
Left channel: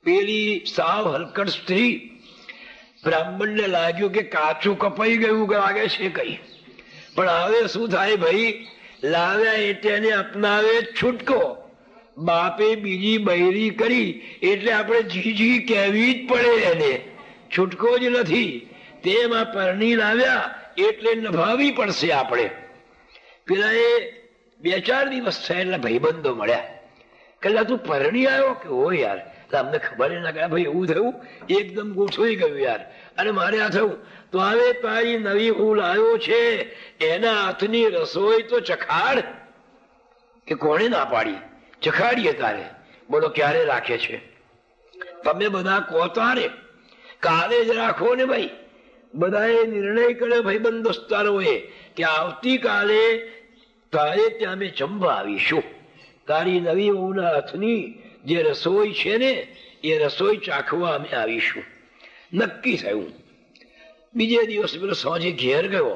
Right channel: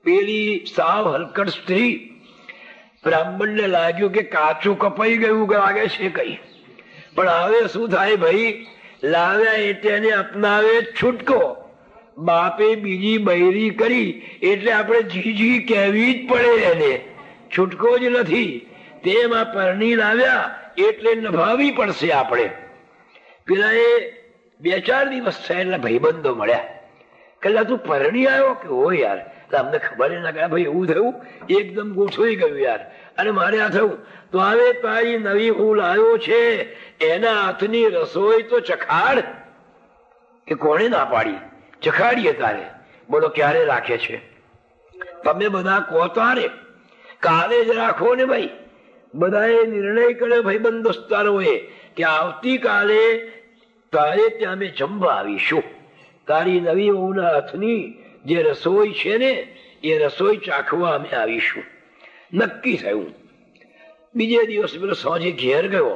પેલી સાવ હલકડ સ્ત્રી, બ્રાહ્મણને લાગ્યું કે કાચું કપાઈ ગયું લાગે છે કઈ. પણ હવે શું થાય ભાઈ, લાવ્યા એટલે એને અપનાવે છૂટકો. બાપે બીજી બૈરી કરી એટલે આપણે જીજી કહેવી જ પડે, એને છૂટકો જ નથી. તેમાં પરણી લાવ્યા એટલે નભાવી પડશે આપણે. પેલા એ 2-4 દિવસ થયા એટલે ભાઈબંધો મળ્યા. કદાચ તું પરણી આવ્યો કે હો યાર, અમને ખબર ના કે ભાઈ એવું થયું, એકદમ ગોઠવાઈ ગયું યાર. અને મારે આ થયું તો હવે તારી નવી હું લાવ્યો છે, એના હાથની રસોઈ તો ચખાડ. કે કોણે ના પાડી? ચખાડીએ તારે. બોલો ક્યારે રાખે છે? તમે બધા કહો તારે, કાલે જ રાખો ને ભાઈ. બધાએ નિર્ણય કર્યો ભાઈબંધ દોસ્તારોએ કે આવતીકાલે તારે ત્યાં અમે જમવા આવીશું. તારી નવી વહુના હાથની જે રસોઈ છે ને, એ રસોઈ ચાખવા અમે આવીશું. નક્કી થયું. બીજે દિવસ પેલો સાંજે ઘેર ગયો,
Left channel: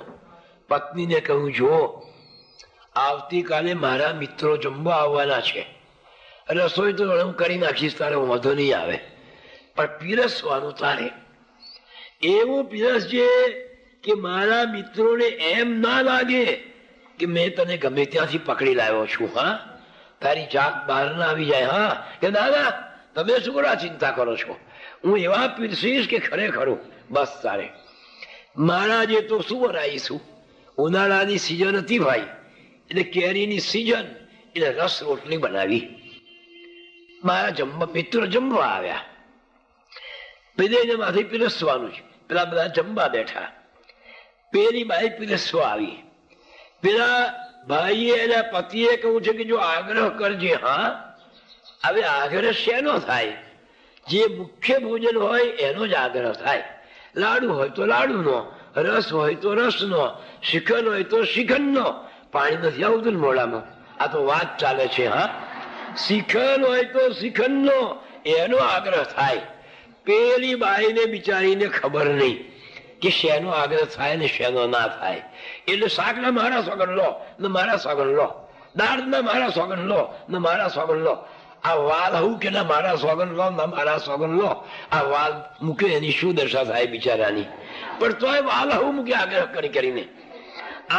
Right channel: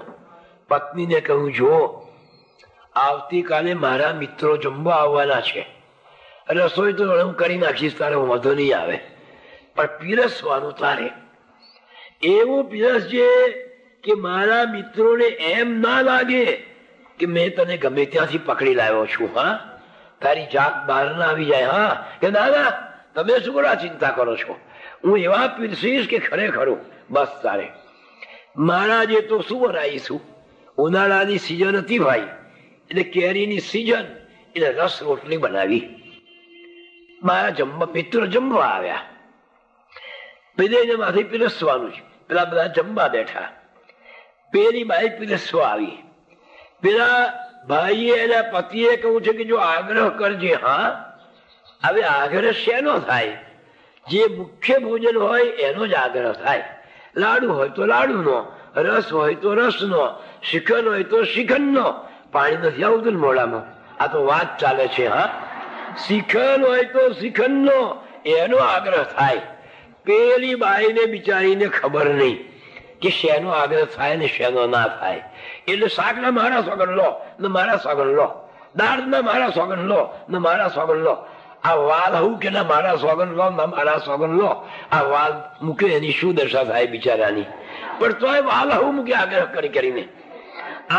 પત્નીને કહ્યું, જો આવતીકાલે મારા મિત્રો જમવા આવવાના છે, રસોઈ તો હું કરી નાખીશ, તારે વાંધો નહીં આવે, પણ પીરસવાનું તારે. એવું પીરસજે કે મારા મિત્રોને એમ ના લાગે કે મેં તને ગમે ત્યાંથી પકડી લાવ્યો છું. હા, તારી જાત બહાર ના આવી જાય. હા કે ના તમે શું કરો ચિંતા કરો છો, હું એવા પીરસીશ કે ખરેખર બસ તારે. મહારાજે તો શું બનાવીશું, ઉનાળાની સિઝન હતી ભાઈ, એટલે કેરીની સિઝન, એટલે રસ રોટલી બનાવી. મારા મિત્રો જમવા આવ્યા, પેલે માંથી પીરસવાનું છે, પેલા બધા જમવા બેઠા. પેલી બાઈ પીરસવા આવી. પેલા ભાઈએ એના પતિએ કહ્યું છે કે જો આગ્રહ કરજે. હા હવે આગ્રહ શેનો થાય, જે મુખ્ય ભોજન હોય એનો જ આગ્રહ થાય. લાડુ હોય તો લાડુનો, રસ હોય તો રસનો, શ્રીખંડ હોય તો શ્રીખંડનો. પાણી નથી આવતું ને મોડામાં, આ તો વાત ચાલે છે. હા શ્રીખંડ હોય તો શ્રીખંડનો એનો આગ્રહ થાય. પેલી બાઈને બિચારીને ખબર નહીં કે શેનો આગ્રહ થાય ને શેનો ના થાય. એટલે શાકના મારા સોગન લો ને મારા સોગન લો, દાળના મારા સોગન લો ને મારા સોગન લો. આ વાલ હું કે ના મારા સોગન લો ના મારા સોગન લો. આ વાલ મૂકે એની શું દશા થાય બિચારાની. પણ તોય વાલ હું મૂકે આગ્રહ કરીને.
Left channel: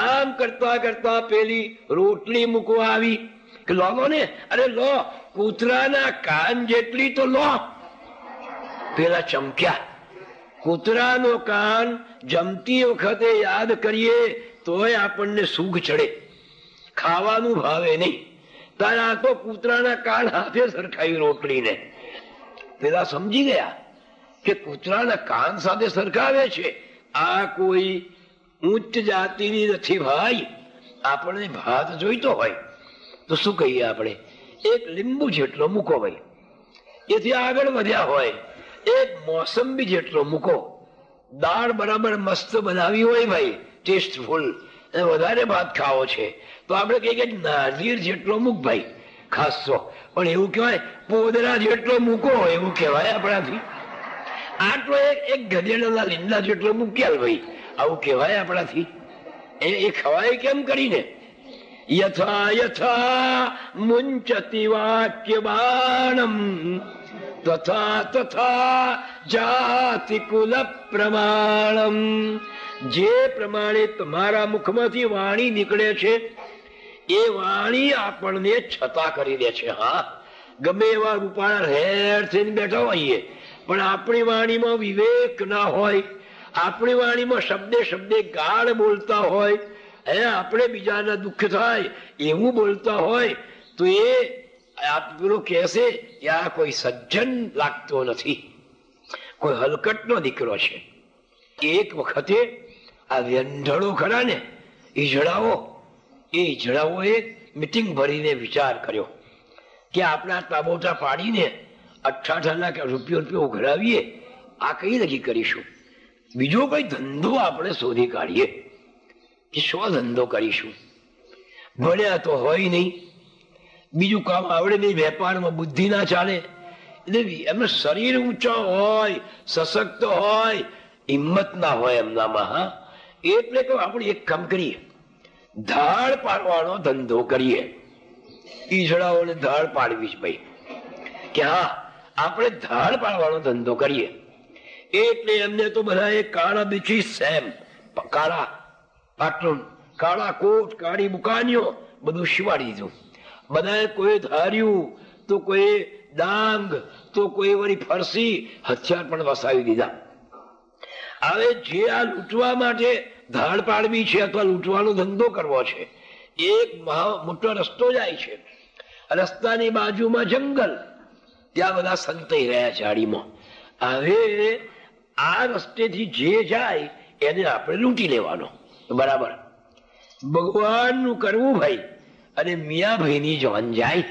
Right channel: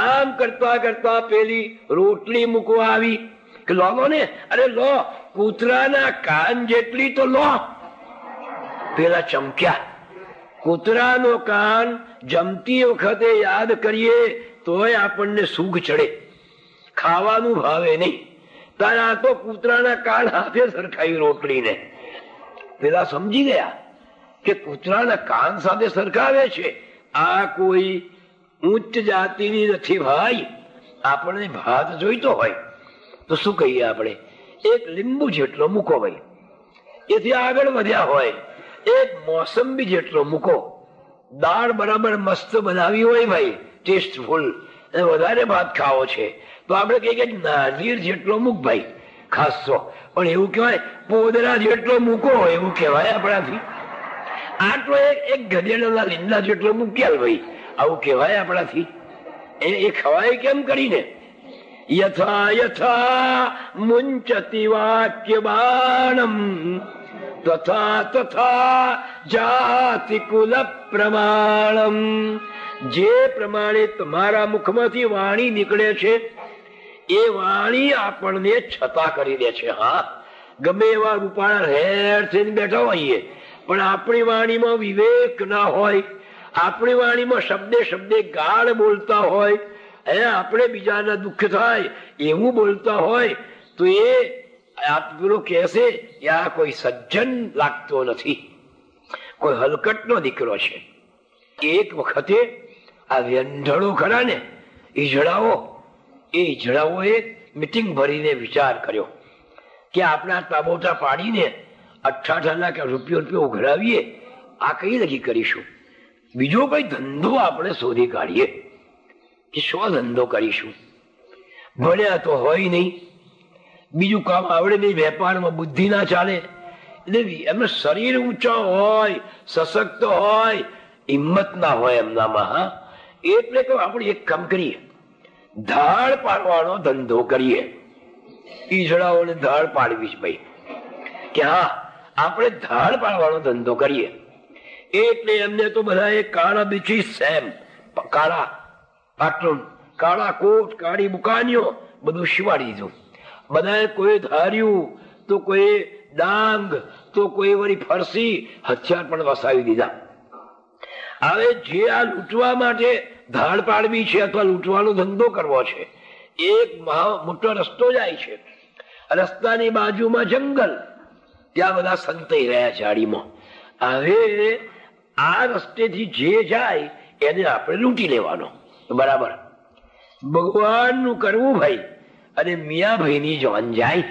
આમ કરતા કરતા પેલી રોટલી મૂકવા આવી કે લો ને, અરે લો, કૂતરાના કાન જેટલી તો લો. પેલા ચમક્યા. કૂતરાનો કાન જમતી વખતે યાદ કરીએ તોય આપણને સુખ ચડે, ખાવાનું ભાવે નહીં. કારણ આ તો કૂતરાના કાન હાથે સરખાઈ રોટલીને. પેલા સમજી ગયા કે કૂતરાના કાન સાથે સરખાવે છે, આ કોઈ ઉચ્ચ જાતિની નથી ભાઈ. આપણે ભાત જોઈતો હોય તો શું કહીએ આપણે, એક લીંબુ જેટલો મૂકો ભાઈ. એથી આગળ વધ્યા હોય એક મોસંબી જેટલો મૂકો. દાળ બરાબર મસ્ત બનાવી હોય ભાઈ, ટેસ્ટફુલ, વધારે ભાત ખાવો છે તો આપણે કહીએ કે નાઝીર જેટલો મૂક ભાઈ ખાસો. પણ એવું કહેવાય પોદરા જેટલો મૂકો, એવું કહેવાય આપણાથી. આટલો એક ગધેડા લીમડા જેટલો મૂક્યા ભાઈ, આવું કહેવાય આપણાથી. એ ખવાય કેમ કરીને? યથા યથા મુંચતી વાક્ય બાણમ તથા તથા જાતિ કુલ પ્રમાણમ. જે પ્રમાણે તમારા મુખમાંથી વાણી નીકળે છે એ વાણી આપણને છતા કરી દે છે. હા ગમે એવા રૂપાળા હેર થઈને બેઠા હોઈએ, પણ આપણી વાણીમાં વિવેક ના હોય, આપણી વાણીમાં શબ્દે શબ્દે ગાળ બોલતા હોય, આપણે બીજાના દુઃખ થાય એવું બોલતા હોય તો એ પેલો કહેશે કે આ કોઈ સજ્જન લાગતો નથી, કોઈ હલકટનો દીકરો છે. એક વખતે આ વ્યંઢળો ખરા ને ઈજડાઓએ મિટિંગ ભરીને વિચાર કર્યો કે આપણા તાબોટા પાડીને 18 લાખ રૂપિયો ઉઘરાવીએ, આ કઈ નક્કી કરીશું. બીજો કઈ ધંધો આપણે શોધી કાઢીએ કે શો ધંધો કરીશું. ભણ્યા તો હોય નહીં, બીજું કામ આવડે નહીં, વેપારમાં બુદ્ધિ ના ચાલે, એમને શરીર ઊંચા હોય, સશક્ત હોય, હિંમત ના હોય એમનામાં. હા એટલે તો આપણે એક કામ કરીએ, ધાડ પાડવાનો ધંધો કરીએ. ઈજડાઓને ધાડ પાડવી ભાઈ કે હા આપણે ધાડ પાડવાનો ધંધો કરીએ. એટલે એમને તો બધા કાળા બીછી સેમ, કાળા પાટલું, કાળા કોટ, કાળી બુકાનીઓ બધું શિવાડી દીધું. બધાએ કોઈ ધાર્યું તો કોઈ ડાંગ તો કોઈ વળી ફરસી, હથિયાર પણ વસાવી દીધા. હવે જે આ લૂંટવા માટે ધાડ પાડવી છે અથવા લૂંટવાનો ધંધો કરવો છે, એક મોટો રસ્તો જાય છે, રસ્તાની બાજુમાં જંગલ, ત્યાં બધા સંતાઈ રહ્યા ઝાડીમાં. હવે આ રસ્તેથી જે જાય એને આપણે લૂંટી લેવાનો. બરાબર, ભગવાનનું કરવું ભાઈ અને મિયાભાઈની જાન જાય.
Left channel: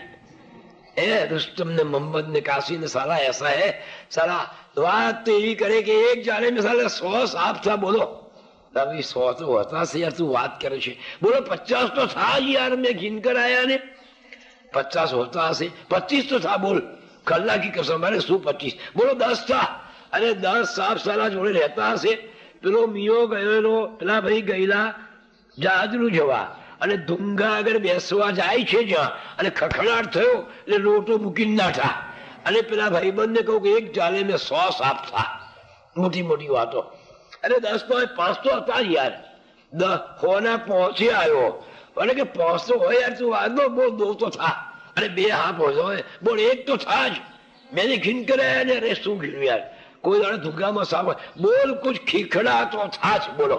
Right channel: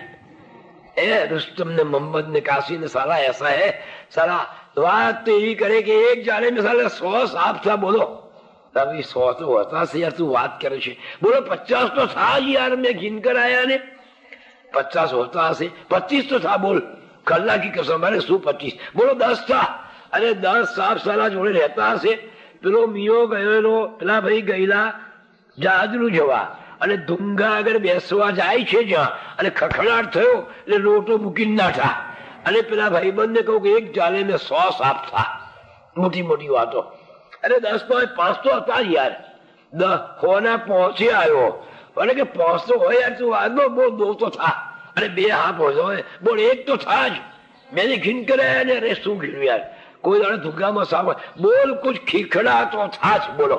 रुस्तम ने मोहम्मद ने काशी ने साला ऐसा है, साला बात तो यही करे कि एक जाने में साला 100 साफ था. बोलो अभी 100 तो होता से यार, तू बात करे छे. बोलो 50 तो था यार, मैं गिन कर आया ने 50 होता हसे, 25 तो था. बोल कल्ला की कसम, अरे શું 25? બોલો 10 था. अरे 10 સાફ સાલા જોડે રહેતા હશે. પેલો મિયો ગયેલો, પેલા ભાઈ ગયેલા જાદરું જવા, અને ડુંગા આગળ બેસવા જાય છે જ્યાં, અને ખખડાટ થયો એટલે લોટો મૂકીને નાખા. અને પેલા ભાઈબંધને કહું કે એક જાલે ને 100 સાફ થા. મોટી મોટી વાતો. અરે 10 તો 5 તો હતા યાર, 10 હોના પહોંચી આવ્યો. એટલે કે પહોંચતો હોય યાર, તું વાંધો બહુ દો તો થા. અરે બે હાફ હોય બોલ, એક તો થાય જ. મેં ઘીન કરે ને અરે શું ઘીન યાર, કોઈ દાડે ધુગામાં સાવ બોલ કુછ ખીખડા તો થાચ બોલો.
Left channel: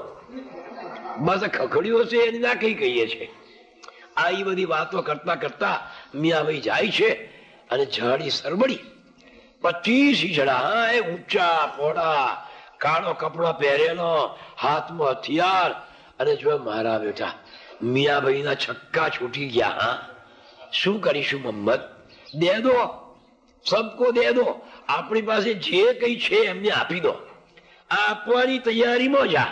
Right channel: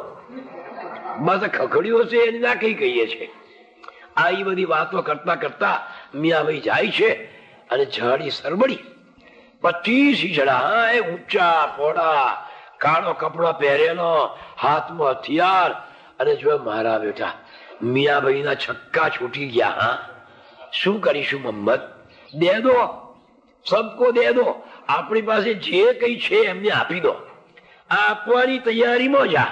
બસ ખખડ્યો છે એને ના કઈ કહીએ છે. આ એ બધી વાતો કરતા કરતા મિયાભાઈ જાય છે અને ઝાડી સરબડી 25 ઈજડા, ઊંચા પોડા, કાળો કપડો પહેરેલો, હાથમાં હથિયાર, અને જો મારા બેટા મિયાભાઈના છક્કા છૂટી ગયા. હા, શું કરીશું મોહમ્મદ? દે દો, સબકો દે દો, આપણી પાસે જે કઈ છે એમને આપી દો. આ આપવાની તૈયારીમાં જા.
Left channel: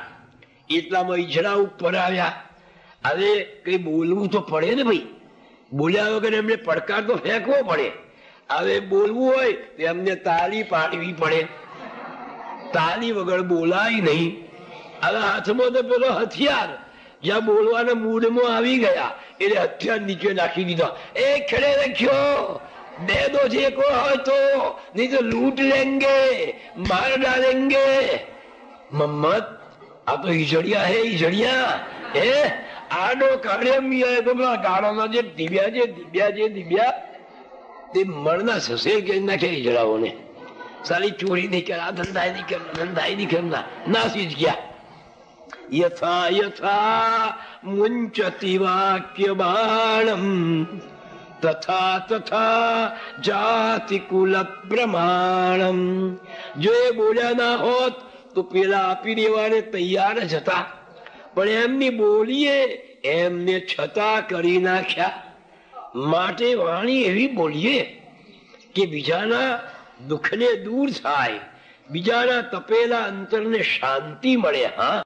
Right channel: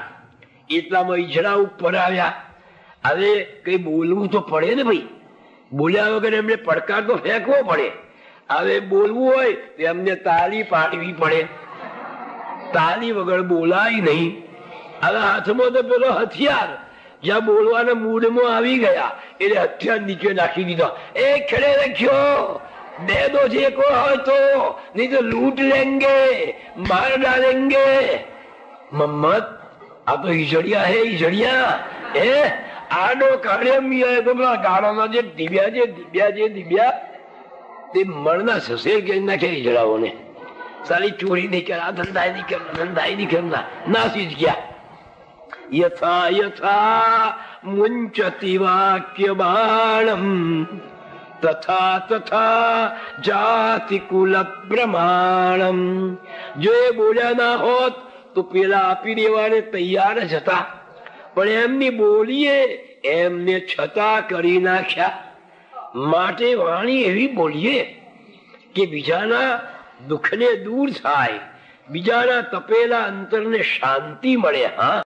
એટલામાં ઈજડા ઉપર આવ્યા. હવે કઈ બોલવું તો પડે ને ભાઈ, બોલ્યા વગર એમને પડકાર તો ફેંકવો પડે. હવે બોલવું હોય તો એમને તાળી પાડવી પડે, તાળી વગર બોલાય નહીં. હવે હાથમાં તો પેલો હથિયાર, જ્યાં બોલવાના મૂડમાં આવી ગયા એટલે હથિયાર નીચે નાખી દીધો. એ ખરે રખ્યો, દે દો જે કો હોય તો, નહીં તો લૂંટ લેંગે, માર ડાલેંગે. મોહમ્મદ આ તો ઈજડિયા હે, ઈજડિયા હે. આડો કાઢે મિયા તો ગાળાના જે ડીબ્યા તે મરના સસે કે નાખે ઈજડાઓને. સારી ચોરી નહીં કર, ધંધાઈ નહીં કર, ધંધાઈ નહીં કરના, નાસી જ ગયા. યથા યથા મુંચતિ વાક્ય બાણમ તથા તથા જાતિ કુલ પ્રમાણમ. જો એ બોલ્યા ના હોત તો પેલા આપી દેવાને તૈયાર જ હતા, પણ એમની બોલીએ એમને છતાં કરી નાખ્યા. માટે વાણી એવી બોલીએ કે બીજાના દુઃખને દૂર થાય, બીજાના તપેલા અંતરને શાંતિ મળે. હા,